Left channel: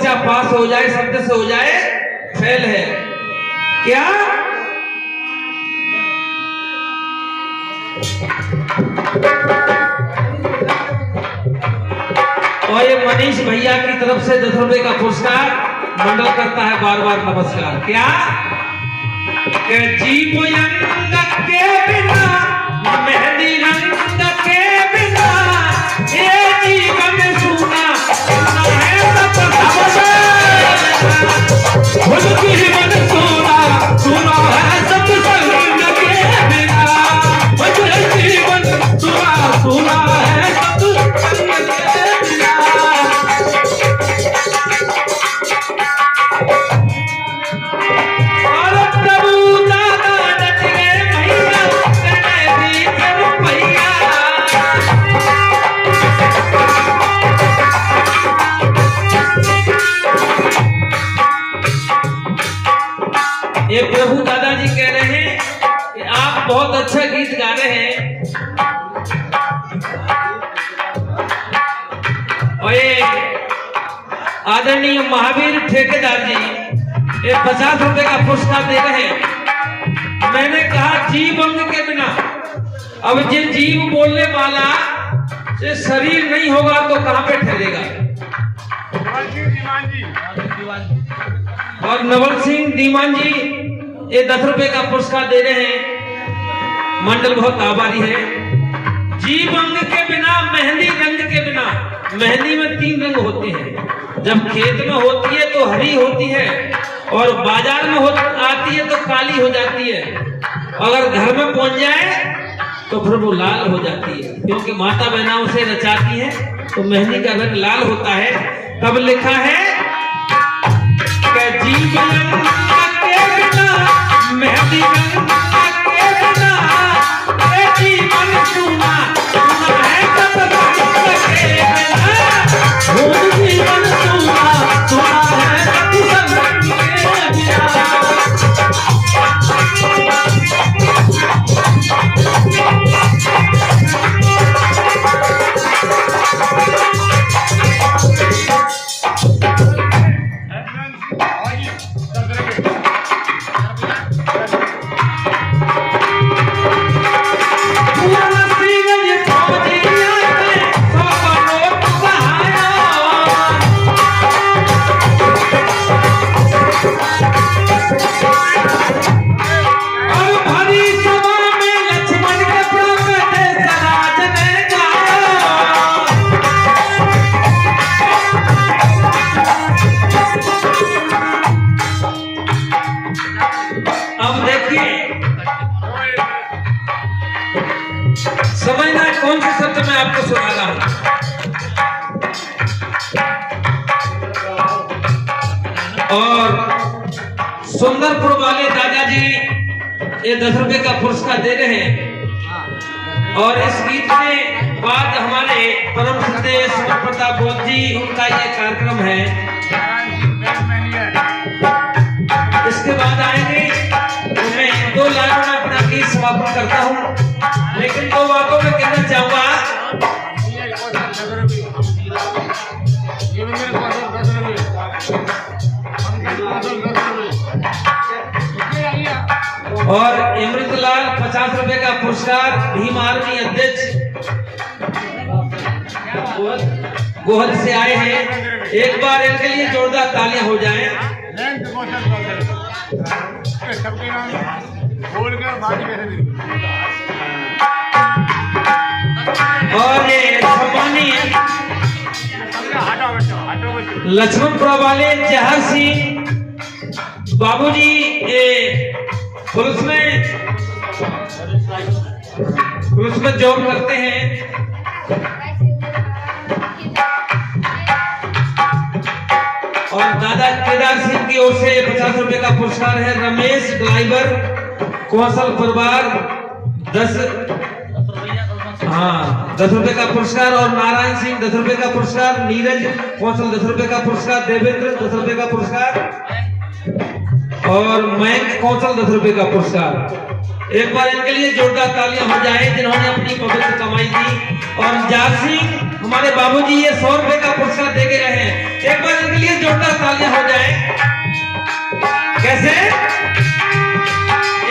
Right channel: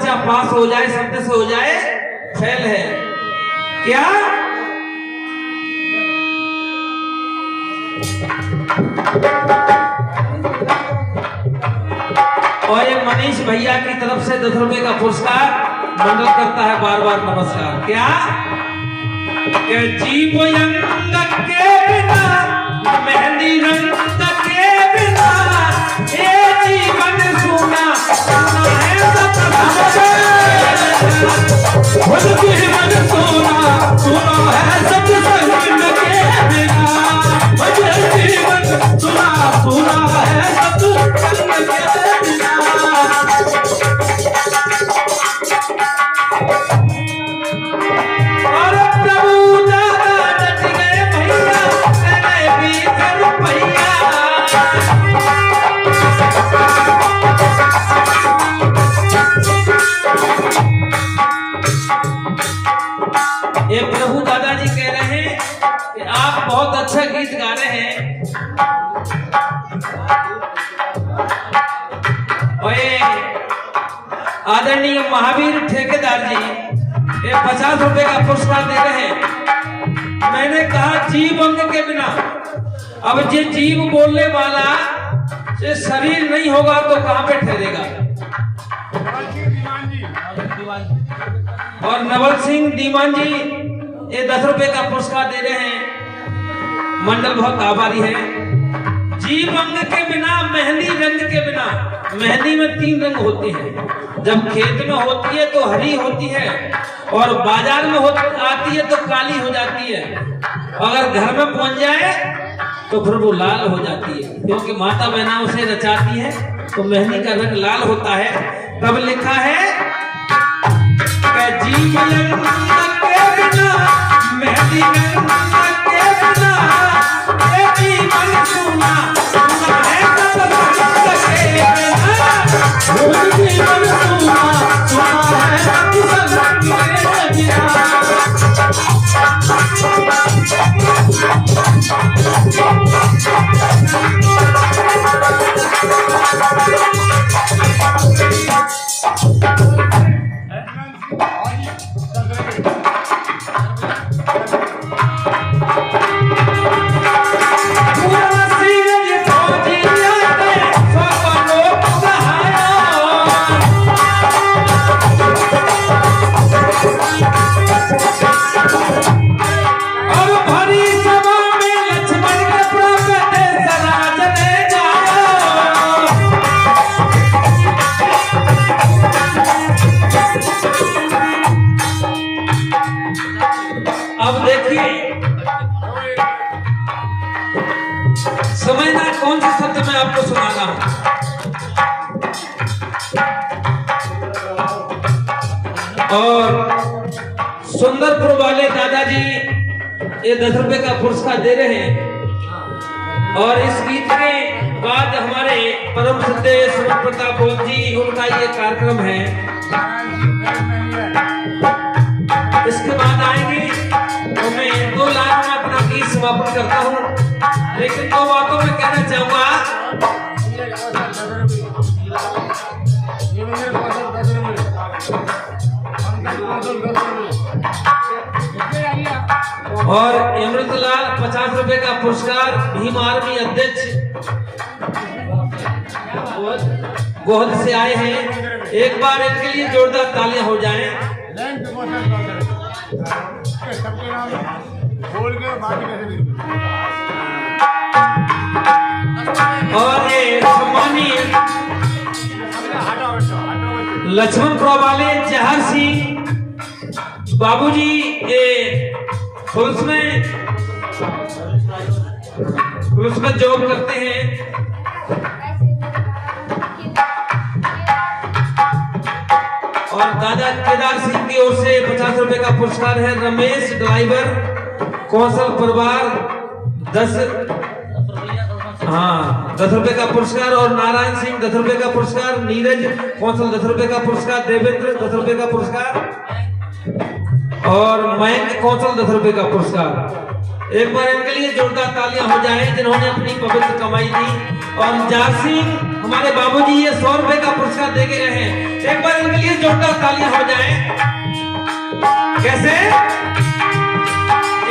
बच्चा पास हो जाए, शब्द से हो जाए फेल है। क्या और ये मनीष भैया की तरफ से 10 रुपए का पुरस्कार मंडल करता है, बार बार नमस्कार। क्या के जीवो रंग के बिना, मेहंदी रंग के बिना, ये जीवन सुना सुना है जीवन सुना सुना है सत्संग के बिना, जीवन सुना सुना है सत्संग के बिना। और प्रभु दादा डट गए भैया, कने भी रुपैया। ये प्रभु दादाजी कह रहे हैं कि आप बहुत अच्छा गीत गा रहे हैं। और आदरणीय महावीर ठेकेदार जी ये 50 रुपए का पुरस्कार दे रहे हैं। मैंने कहा जीव अंग के बिना, अब ये जीव बोलने वाला ये शरीर नहीं होगा तो कहां पे ठहरेगा। और नवल सिंह दीवान जी ये 10 रुपए का पुरस्कार दे रहे हैं, मंडल बहुत आभारी है। जीव अंग के बिना, मेहंदी रंग के बिना, मेहंदी में 3 रंग होते हैं। जब खेत में होती है तो हरी होती है, और बाजार में आती है तो काली हो जाती है। अगर घर में पहुंच जाए तो फिर वो लाल हो जाती है, क्योंकि माता बहना उसे नचाती है तो मेहंदी का रंग लाल होता है। तब लिखा है जीव रंग के बिना, मेहंदी रंग के बिना, ये जीवन सुना सुना है सत्संग के बिना, जीवन सुना सुना है सत्संग के बिना। समझना कौन सा शब्द मैं आपको सुना रहा हूं। और सुंदरपुर वाले दादाजी ये 10 रुपए का पुरस्कार दे रहे हैं। और इस गीत के बाद हमारे परम श्रद्धेय प्रताप बोध जी उनका ये कार्यक्रम है, इसके बाद आएंगे तो मैं 2 लाख में अपना गीत समापन करता हूँ। लेकिन 2 बातों में कहना चाहूंगा। और अमृतलाल 50 रुपए का पुरस्कार भीम आर्मी अध्यक्ष गोहल से आए हैं। एक बार इनके लिए जोरदार तालियां हो जाएं। और ये सम्मानीय लक्ष्मणपुरा वाले जहर सिंह बाबूजी पुलिस में जॉब करते हैं। और दादा केदार सिंह की ओर से 50 रुपए का पुरस्कार है। रमेश ड्राइवर कौशल परिवार 10 रुपए का पुरस्कार। और नारायण सिंह 10 रुपए का पुरस्कार। नीरज कौशल 10 रुपए का पुरस्कार। देवेंद्र 10 रुपए का पुरस्कार। और मयंक कौशल 10 रुपए का पुरस्कार। एक बार इनके लिए जोरदार तालियां हो जाएं जिन्होंने अपनी पवित्र कमाई दी। और जार सिंह हमारे बाबूजी ये 100 रुपए का पुरस्कार दे गए हैं। एक बार इनके लिए जोरदार तालियां हो जाए। कैसे?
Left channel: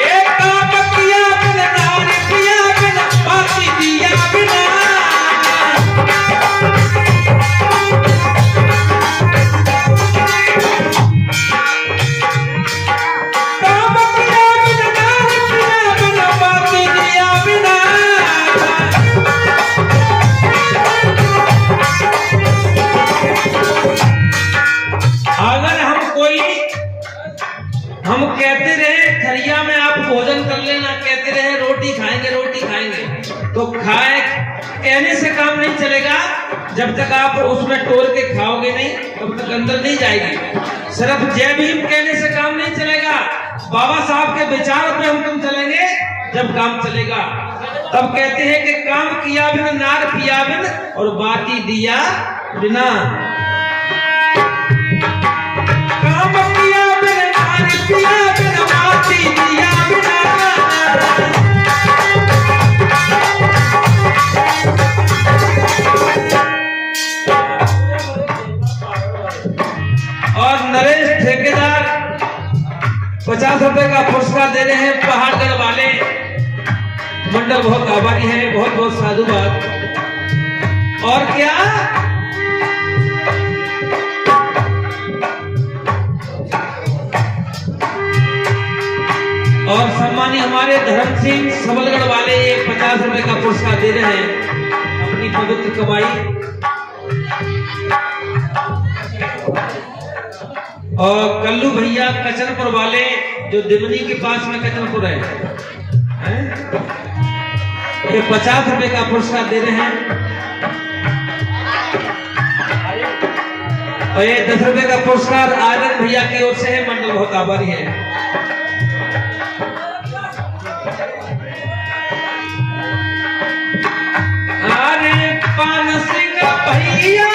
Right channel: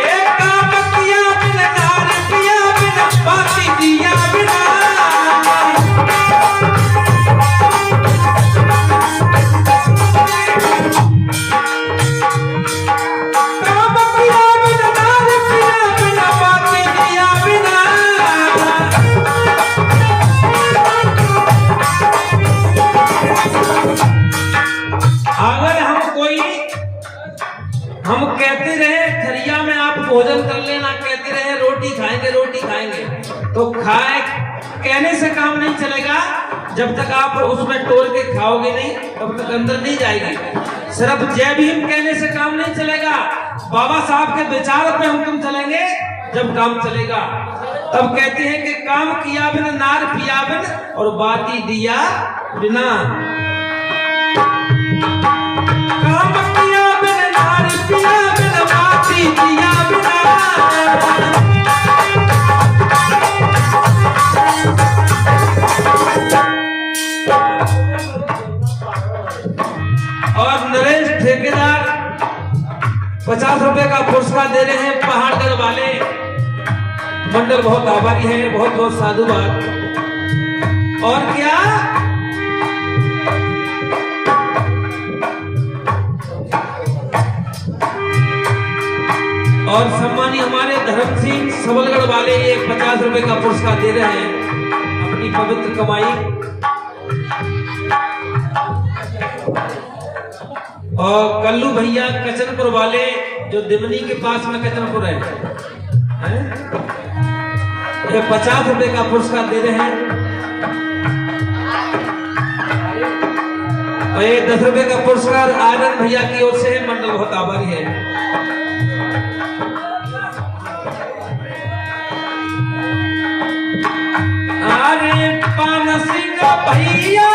एक काम किया बिना नार पिया बिना बाती दिया बिना, काम किया बिना नार पिया बिना बाती दिया बिना। अगर हम कहते रहे थरिया में आप भोजन कर लेना, कहते रहे रोटी खाएंगे, तो कहने से काम नहीं चलेगा। जब तक आप उसमें तोड़ के खाओगे नहीं तब तक अंदर नहीं जाएगी। सिर्फ जय भीम कहने से काम नहीं चलेगा। बाबा साहब के विचार पे हम चलेंगे जब काम चलेगा। तब कहते हैं कि काम किया बिना नार पिया बिन और बाती दिया बिना। काम किया बिना नार पिया बिना बाती दिया बिना। और नरेश ठेकेदार 50 रुपए का पुरस्कार दे रहे हैं पहाड़गढ़ वाले। मंडल बहुत आभारी है, बहुत बहुत साधुवाद। और क्या और सम्मानी हमारे धर्म सिंह सबलगढ़ वाले 50 रुपए का पुरस्कार दे रहे हैं अपनी पवित्र कमाई। और कल्लू भैया कचनपुर वाले जो दिमनी के पास में कचनपुर है, ये 50 रुपए का पुरस्कार दे रहे हैं। और ये 10 रुपए का पुरस्कार आनंद भैया की ओर से है। मंडल बहुत आभारी है। अरे पान सिंह भैया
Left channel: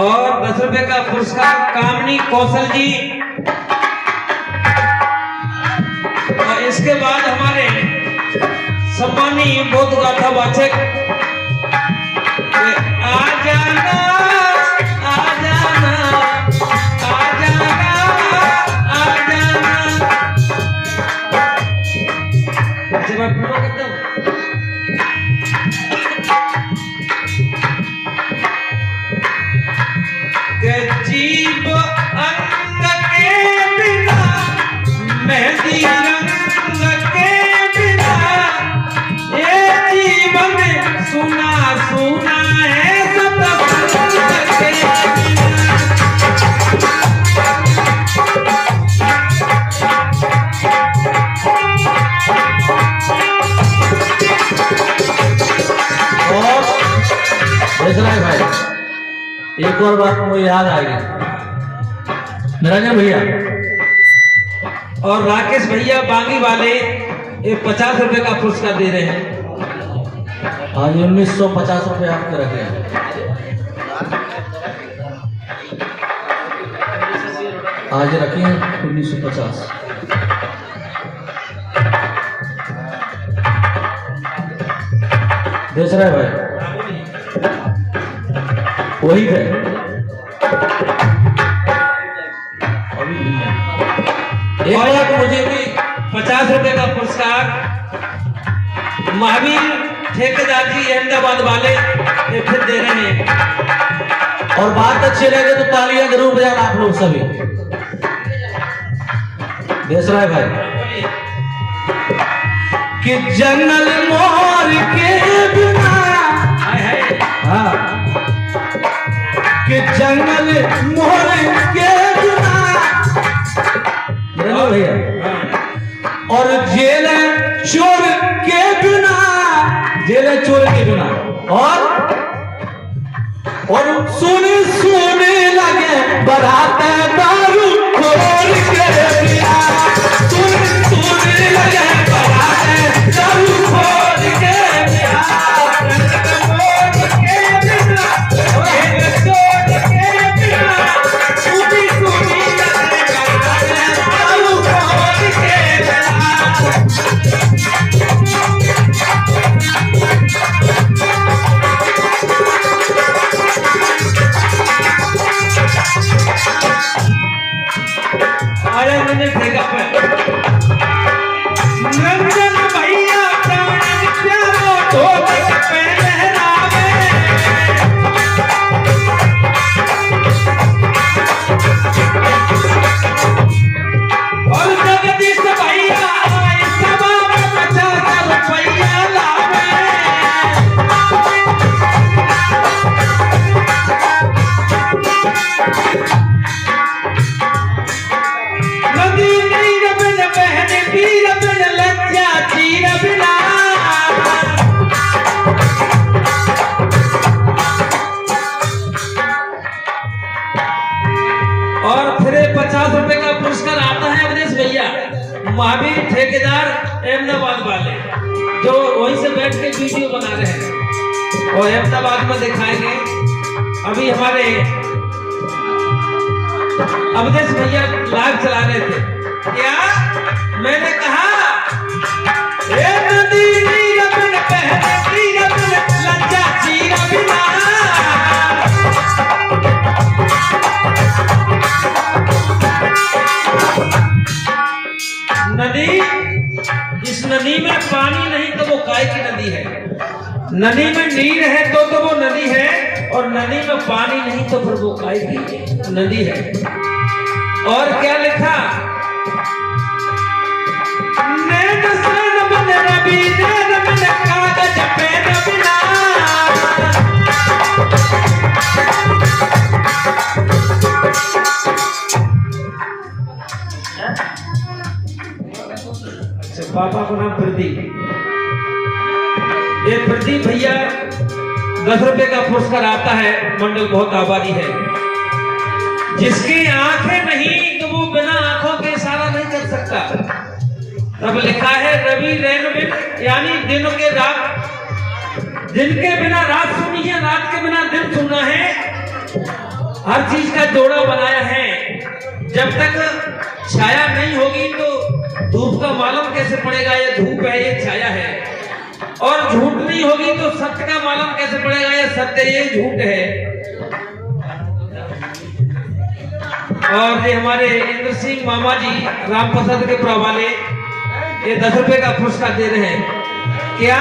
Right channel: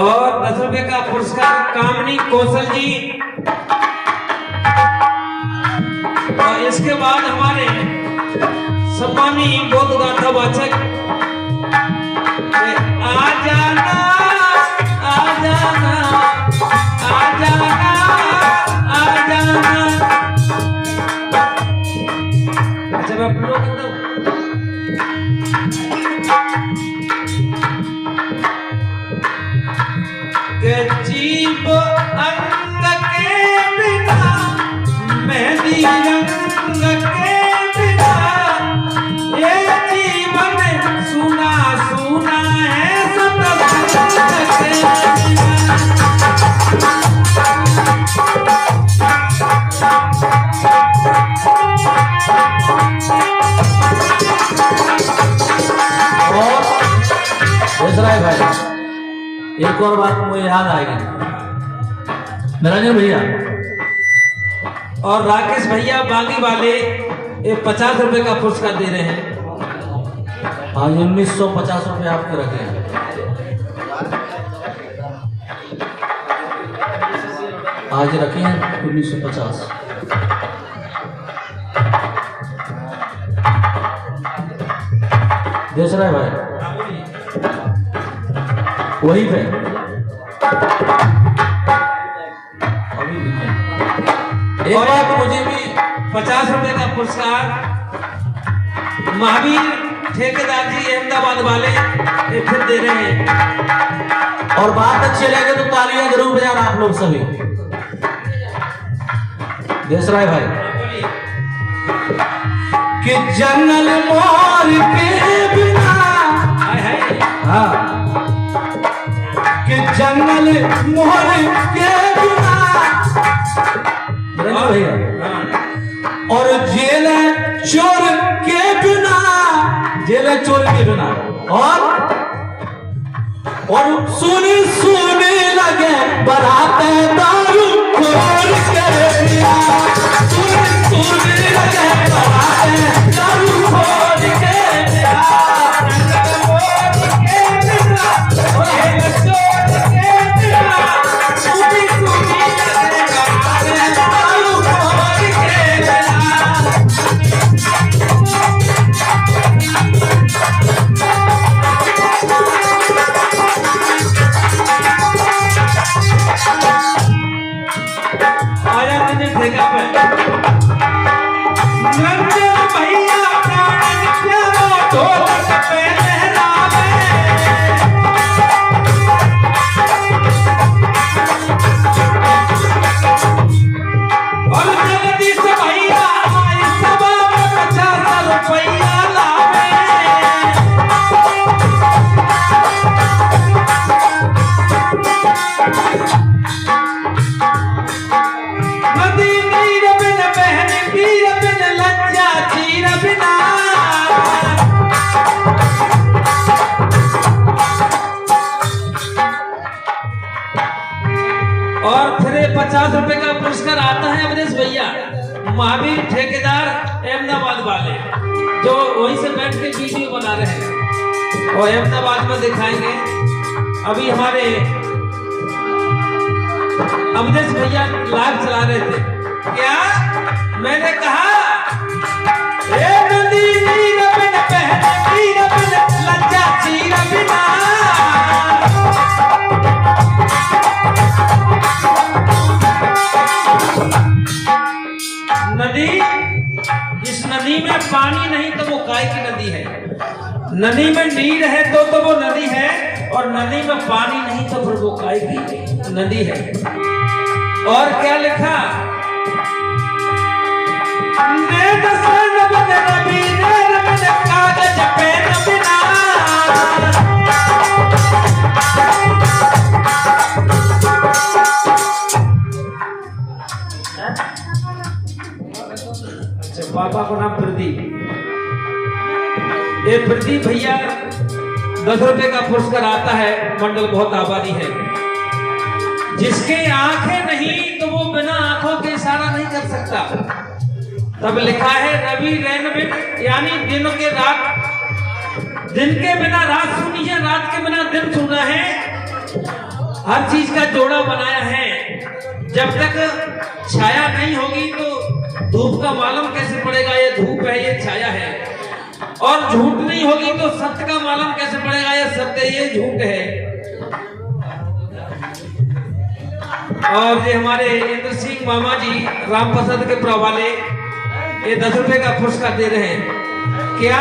और 10 रुपए का पुरस्कार कामनी कौशल जी। और इसके बाद हमारे सम्मानी बोध गाथा वाचक आ जाना आ जाना आ जाना आ जाना। अच्छा मैं पूरा करता हूँ। जीव अन्न के बिना मेहंदी रंग के बिना ये जीवन सुना सुना है सतसंग के बिना। और भाई एक और बात मुझे याद आ गई, निरंजन भैया और राकेश भैया बागी वाले ये 50 रुपए का पुरस्कार दे रहे हैं। हाँ, 1950 रुपये आपके रखे हैं। आज रखे हैं 1950। देख रहे भाई, वही थे अभी भी है। एक बार मुझे भी 50 रुपए का पुरस्कार महावीर ठेकेदार जी अहमदाबाद वाले ये फिर दे रहे हैं। और बात अच्छी लगे तो तालियां जरूर बजाना आप लोग सभी। देश राय भाई कि जंगल मोर के बिना, हाँ, कि जंगल मोर के बिना भैया, और जेल चोर के बिना, जेल चोर के बिना, और सुने सुने लगे बरात दारू खोल के दिया, सुने सुने लगे बरात दारू खोल के दिया, खोल के दिया, चोर के दिया, सुनी सुनी लगे बरात दारू खोल के दिया। नंदन भैया प्राण चलो ढोलक पे लहरावे, और जगदीश भैया आई सभा में 50 रुपया लावे। नदी नीर बिन बहन वीर बिन लज्जा चीर बिना, और फिर 50 रुपए का पुरस्कार आता है अवधेश भैया महावीर ठेकेदार अहमदाबाद वाले, जो वहीं से बैठ के वीडियो बना रहे हैं और अहमदाबाद में दिखाएंगे। अभी हमारे अवधेश भैया लाइव चला रहे थे। क्या मैंने कहा, ए नदी नीर बिन बहन वीर बिन लज्जा चीर बिना, नदी, इस नदी में पानी नहीं तो वो काय की नदी है। नदी में नीर है तो वो नदी है, और नदी में पानी नहीं तो फिर वो काय की नदी है। और क्या लिखा, नेट सन बन रवि नैन बिन कागज पेन बिना, अच्छा पापा को नाम प्रदीप। ये प्रदीप भैया 10 रुपए का पुरस्कार आता है, मंडल बहुत आबादी है। जिसकी आंखें नहीं तो वो बिना आंखों के इशारा नहीं कर सकता। तब लिखा है रवि रैन बिन, यानी दिन के रात, दिन के बिना रात सुनी है, रात के बिना दिन सुना है। हर चीज का जोड़ा बनाया है। जब तक छाया नहीं होगी तो धूप का मालूम कैसे पड़ेगा ये धूप है ये छाया है, और झूठ नहीं होगी तो सत्य का मालूम कैसे पड़ेगा ये सत्य ये झूठ है। और ये हमारे इंद्र सिंह मामा जी राम प्रसाद के पुरा वाले ये 10 रुपए का पुरस्कार दे रहे हैं। क्या